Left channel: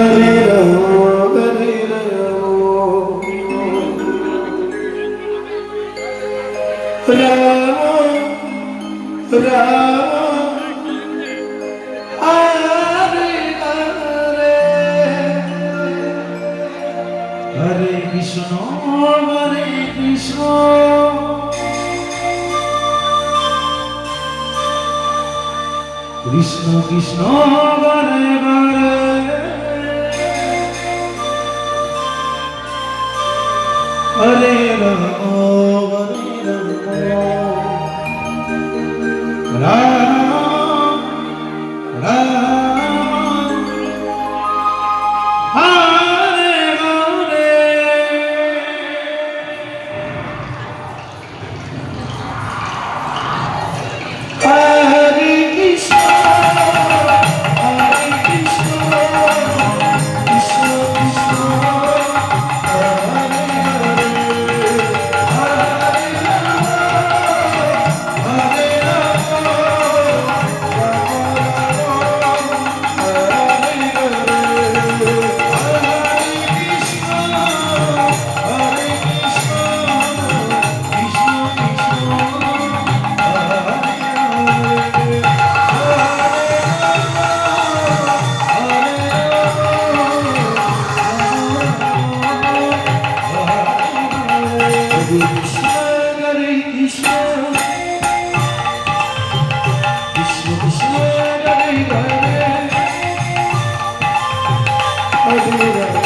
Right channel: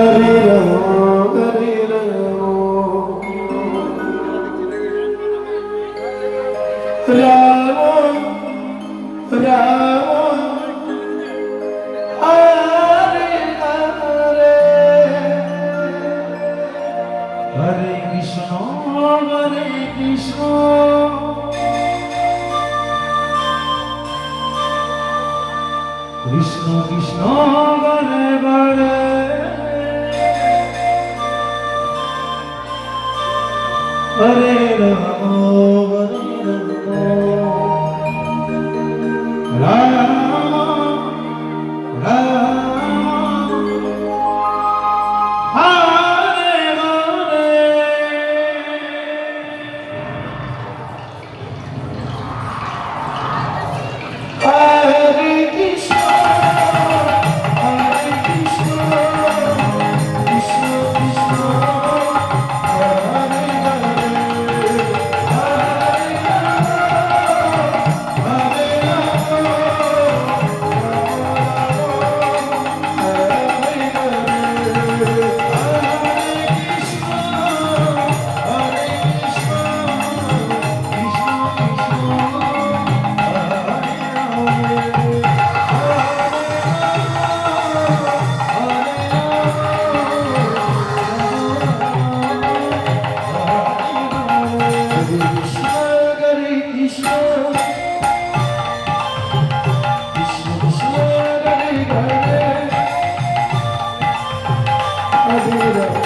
Hare Rama, Rama Rama, Hare Hare, Hare Krishna, Krishna Krishna, Hare Hare, Hare Rama, Rama Rama, Hare Hare. Hare Krishna, Hare Krishna, Krishna Krishna, Hare Hare, Hare Hare